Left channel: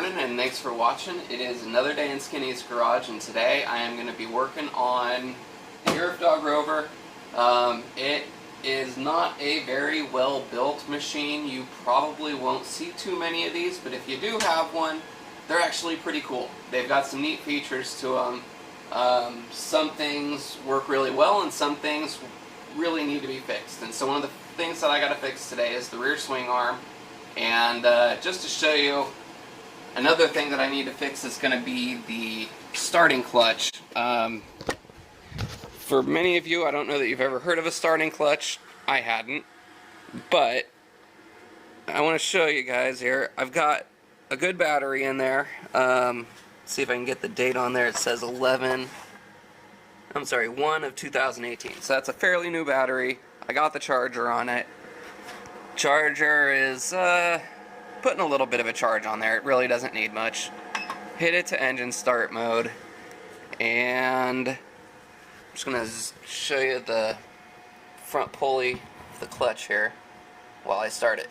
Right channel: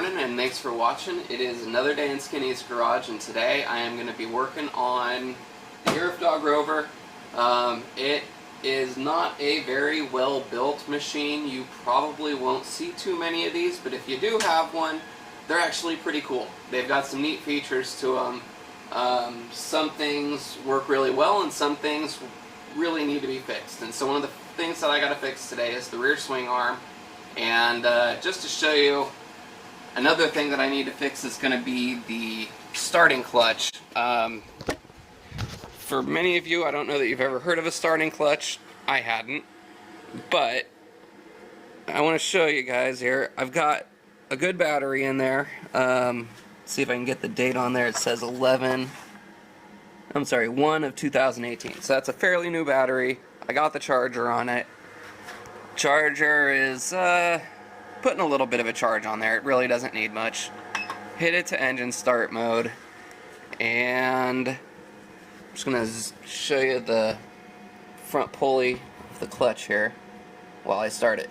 morning and thanks for watching. It is another day in Skinny's garage, and today I am going to be working on the Yerf Dog Rover. It is not a very well built machine. You probably won't see too many of these, but if you do have one, they're actually pretty cool. They've got some neat features to them. Some things work really well and some things really need to be fixed. And so one of the things that I got to fix today is the rear swing arm. And just to show you, another thing that I need to fix is going to be the starting clutch. For many of you, I don't know that you've ever heard of a starting clutch. I hadn't. But I want to show you guys here. I've got a good battery in there. See if I can get the date on there. It says 1 of 2018. So that's a fairly new battery. I got the charger on it. Charger is putting a little bit of a charge on there. It really doesn't need much. Hit it to engine start mode, and I'm just going to show you the front pulley of the clutch here while I start it.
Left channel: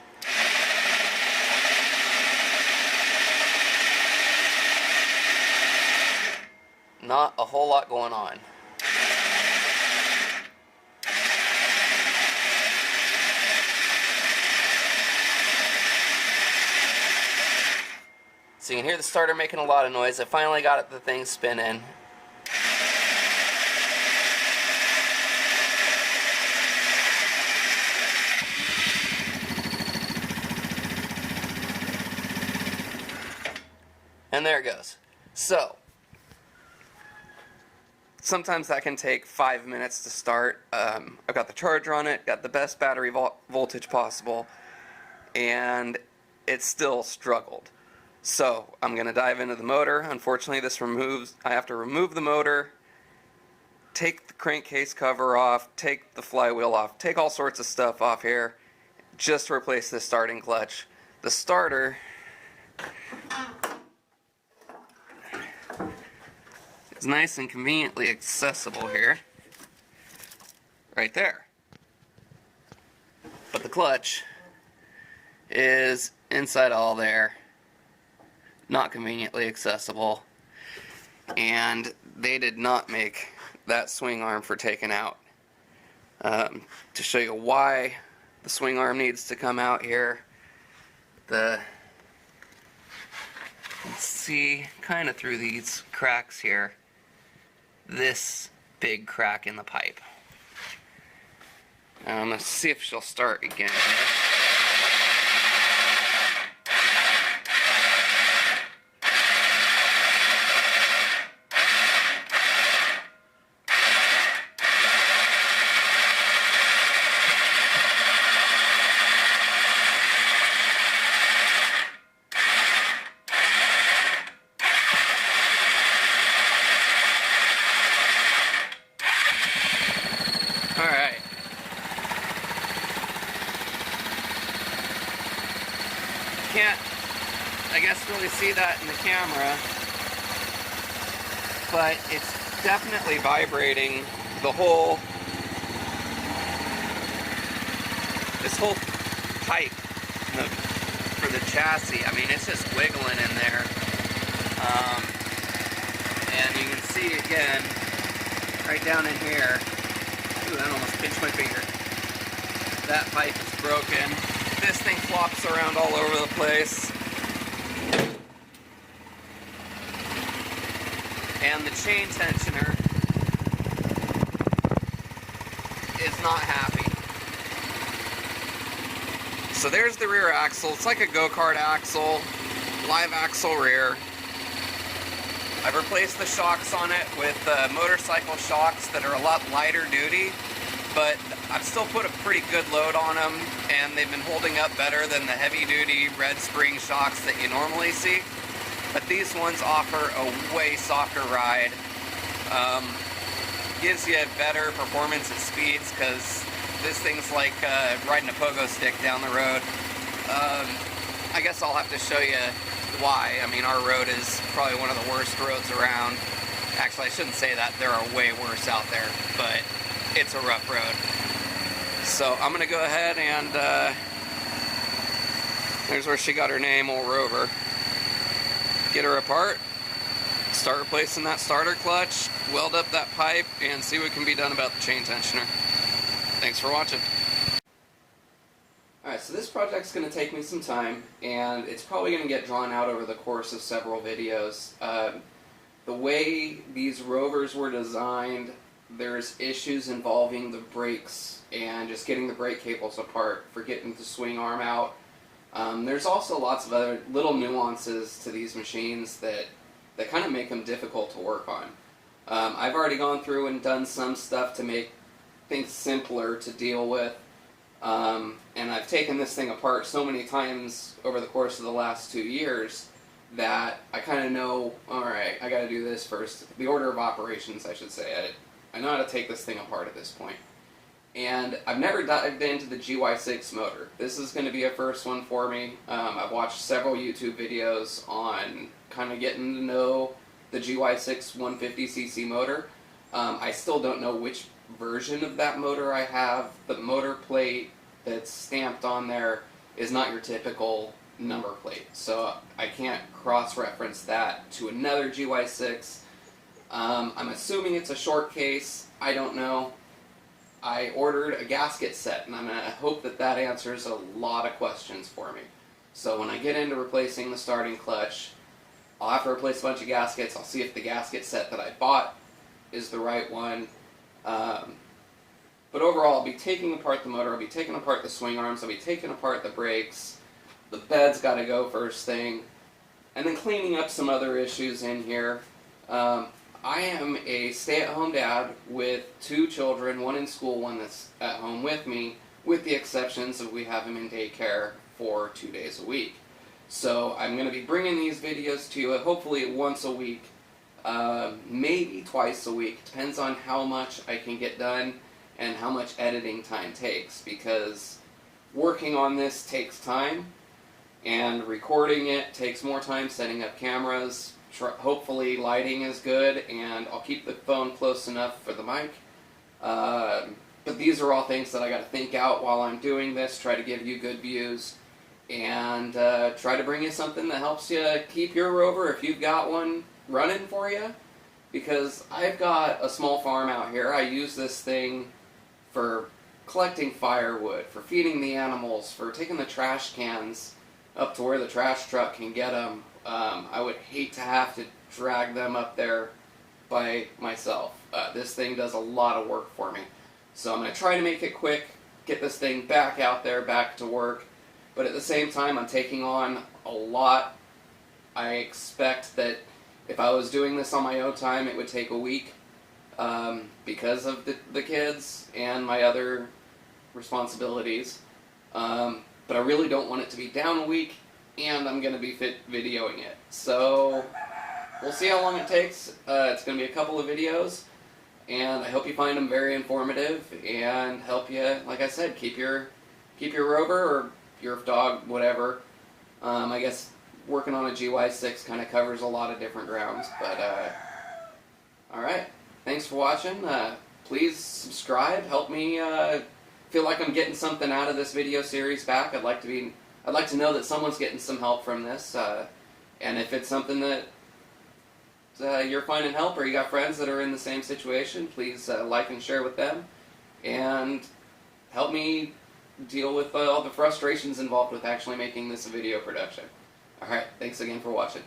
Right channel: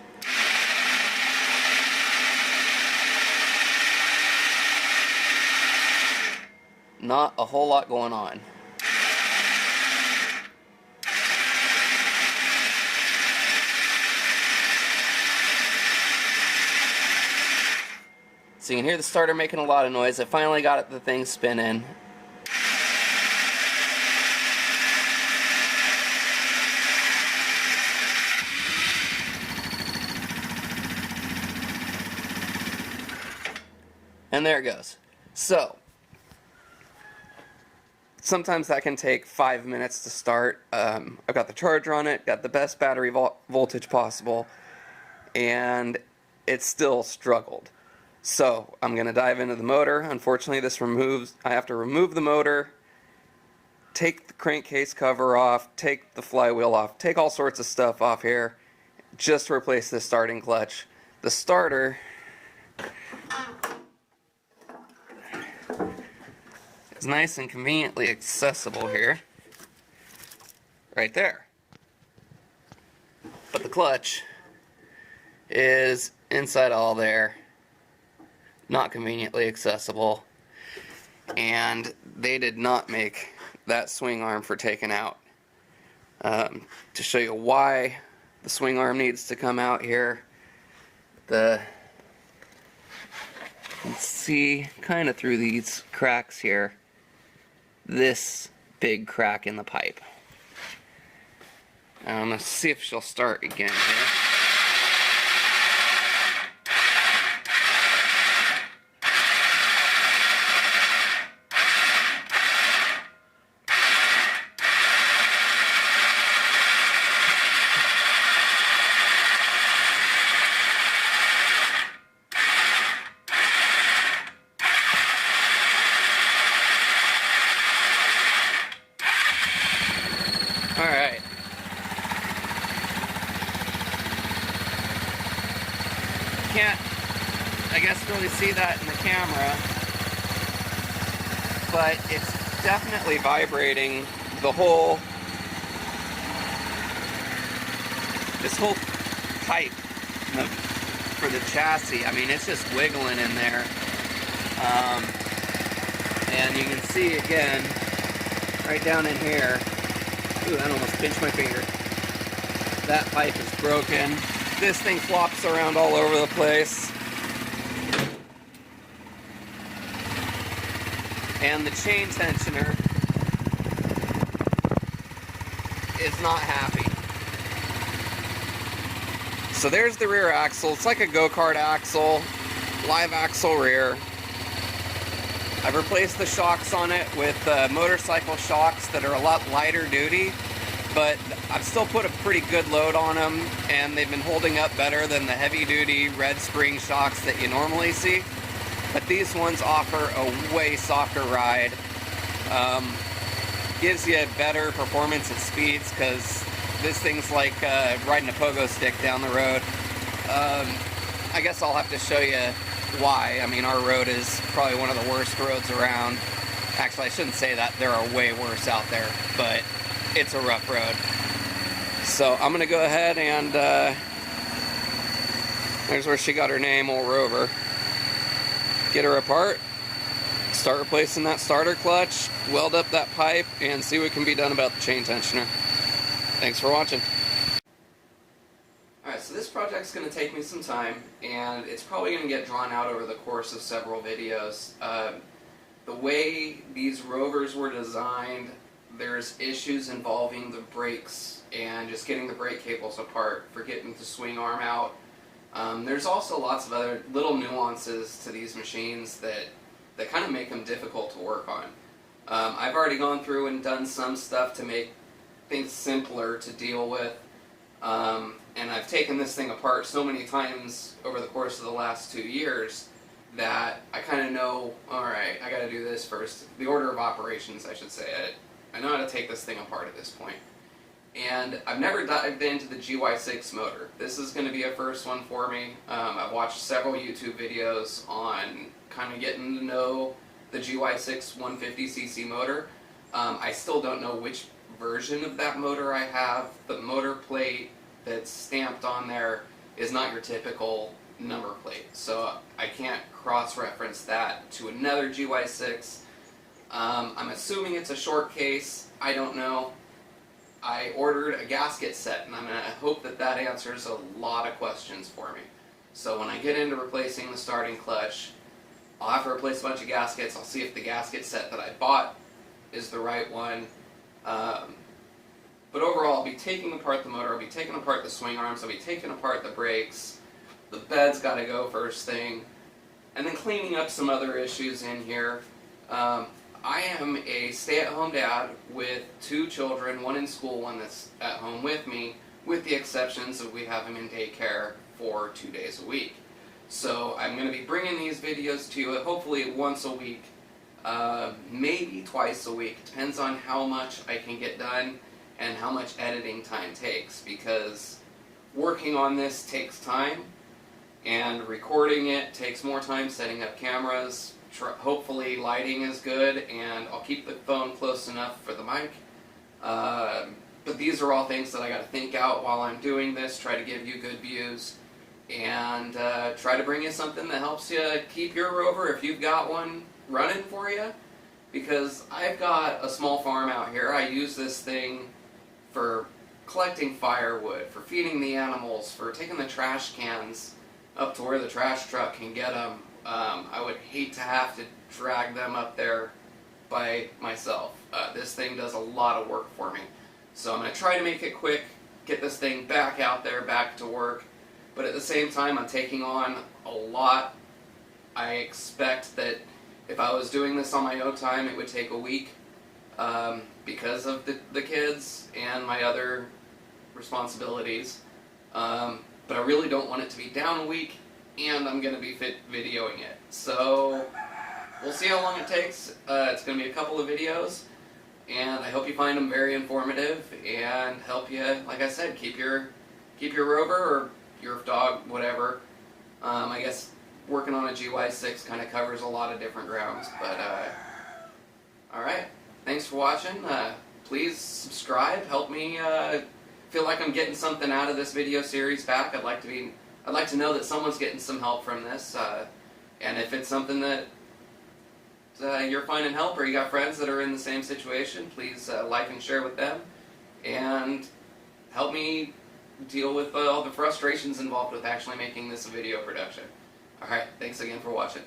Not a whole lot going on. So you can hear the starter making a lot of noise. I finally got the thing spinning. And there it goes. So, sometimes that can take 5 minutes to start. I've got the charger on it, got the best battery voltage possible, and it still struggled. So I'm going to dive into the motor. Unfortunately, I have to remove the motor, take the crankcase cover off, take the flywheel off, take all sorts of stuff off here just to replace the starting clutch. The starter is nice and conveniently accessible here, right there. But the clutch is inside all there. Not conveniently accessible, and they did not make that swing arm for taking out. To show you why the swing arm needs to come out here, you can see kind of through these cracks here, this big crack in the pipe. Now I'm going to see if she'll start again here. Alright. Can't, I guess, really see that in the camera, but it's definitely vibrating the whole, this whole pipe for the chassis. I mean, it's just wiggling in there. And you can see again, right down in here, ooh, that almost pinched my finger. That pipe is broken. This thing flops around all over the place. And the chain tensioner is not happy. So there's the rear axle. It's like a go-kart axle, live axle rear. I've replaced the shocks on it with motorcycle shocks that are a lot lighter duty, but I've still put a pretty good load on them, and they've been holding up better than the heavy-duty red spring shocks that you normally see. But these ones offer a way softer ride. Gives you better performance at speeds, because this thing's like riding a pogo stick down the road. I guess I'll have to show you why. I mean, our road is probably one of the worst roads around. Actually, I shouldn't say that. There are way worse out there, but it's a rough road. So I'm going to go ahead and there's where she got her name, old Rover. get her apart, start replacing that starter clutch, weld up that pipe, and see what can be done about the chain tensioner. Thanks for watching. Alright, so this project's going to take me some time, and it's probably going to get drawn out over the course of several videos. The way these Rovers were designed, there's issues involving the brakes and just getting the brake cables apart for getting the swing arm out. There's also lots of other little nuances to these machines that kind of make them difficult to work on. I've already gone through and done some stuff to make things simpler to deal with. And I've taken this thing apart so many times over the course of the last 2 years that I kind of know, alright, I gotta do this first. The order of operations, I should say. I know how to take this thing apart at this point. And I've never dived into the GY6 motor. This is going to be a first one for me. I've watched several YouTube videos on kind of getting to know the GY6 150cc motor. I still don't know which version of that motor I have. The motor plate that's stamped on there is not your typical number plate, so I can't cross-reference that to another GY6. I'm assuming it's a short case. I don't know. I ordered a gasket set, and I'm going to hope that that answers a lot of questions for me. So when I get into replacing the starting clutch, I'll have to replace a bunch of gaskets. I'll see if the gasket set that I bought is the right one. But overall, I'll be taking apart the motor, I'll be taking apart the swing arms, I'll be taking apart the brakes, the bed's got to go first thing, and then cleaning up some other issues in here. I am a stay-at-home dad with 2 children, one in school, one that's at home with me, with the exceptions of we have him in daycare for 2 days a week. So I'm going to be bringing these videos to you hopefully once a week, maybe twice a week. Depends on how much I can get done and how much editing time takes, because working on this takes time, and recording it takes more time, setting up cameras. Hopefully lighting is good, and I'll keep the phone close enough for the mic. But these are all things that I got to think out while I'm doing this, try to give you good views, and try to bring you something that helps you keep your Rover, if you've got one, running for you. Because I've got a small farm out here. I use this thing for collecting firewood, for feeding the animals, for taking the trash cans up to where the trash truck can get them. I would hate to have to drag them up there by myself. This thing does a lot of work for me. So I'm going to try to make it quick, get this thing back out there, back to work. But at the same time, I'm taking on a lot. I expect that if I was doing this on my own time, it would take a week because of the kids and my other responsibilities. But I really don't want it to be down a week, and I'm going to be videoing it. So we'll see how long it takes. It's going to be a couple of videos, and I hope you find them very informative and help you, like I said, keep your Rover or Yerf Dog, whatever. I guess working on a GY6 kind of covers a lot of different grounds. But alright, thanks for watching. Please subscribe. Help me feel like I'm getting something out of this video series back. I'd like to know that someone's getting some help from this. And if it's something that you're finding help, or you got friends that are in the same situation, please like and share with them. And help me deal with all the frustrations involved with actually making this a video production. Alright, thanks again for watching.